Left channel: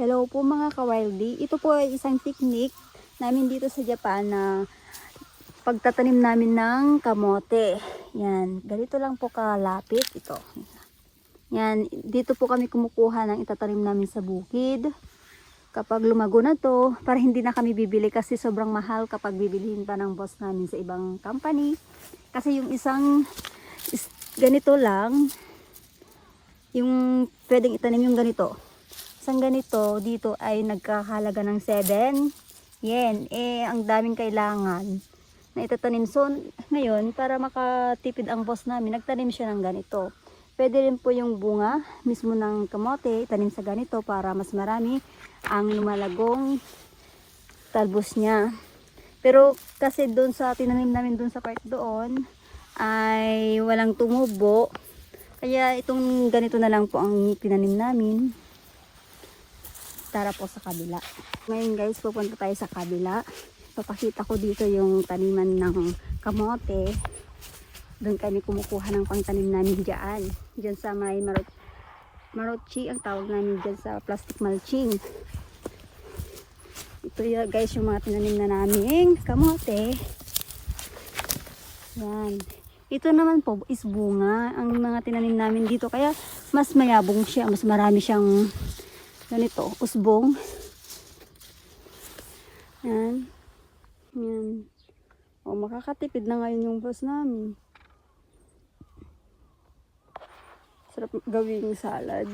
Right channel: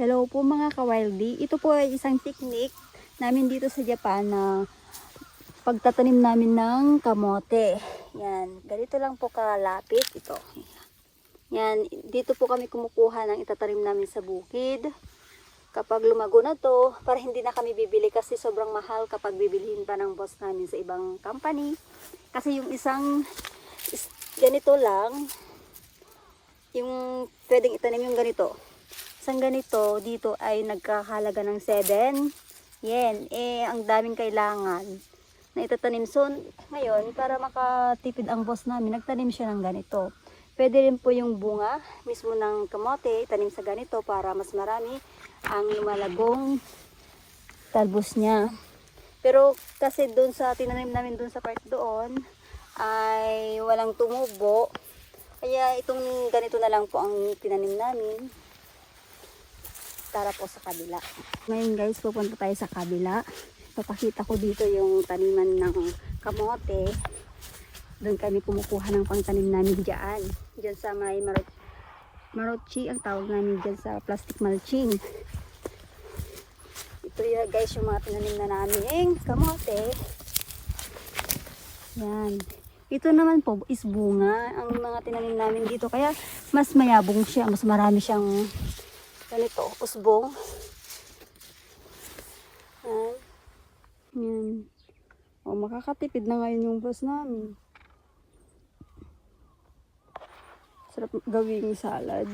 Hello po mga kawildy. Ito po ay isang technique namin dito sa Japan na pagtatanim namin ng kamote. Yan. Ganito lang po kalapit. Ito. Yan. Dito po kami kumukuha ng itatanim namin sa bukid. Kapag lumago na to, para hindi na kami bibili kasi sobrang mahal kapag bibilihin pa ng boss namin sa ibang company. Kasi yung isang is, ganito lang, yung pwedeng itanim yung ganito. Isang ganito, dito ay nagkahalaga ng 7 yen. Eh, ang daming kailangan na itatanim. So, ngayon, para makatipid ang boss namin, nagtanim siya ng ganito. Pwede rin po yung bunga mismo ng kamote, tanim sa ganito para mas marami ang lumalagong talbos niya. Pero kasi doon sa tinanim namin doon sa part doon ay walang tumubo. Kaya itong ganito na lang po ang tinanim namin. Tara po sa kabila. Ngayon guys, pupunta tayo sa kabila. Papakita ko dito yung taniman ng kamote. Doon kami kumukuha ng pangtanim namin dyan. Dyan sa may marot marochi ang tawag namin dyan sa plastic mulching. Ito yan guys yung mga tinanim na namin kamote. Yan. Ito naman po is bunga ang mga tinanim namin dito. Kaya mas mayabong siya. Mas marami siyang ganito, usbong. Yan. Yan. O, makakatipid na ngayon yung boss namin. Sarap gawing salad.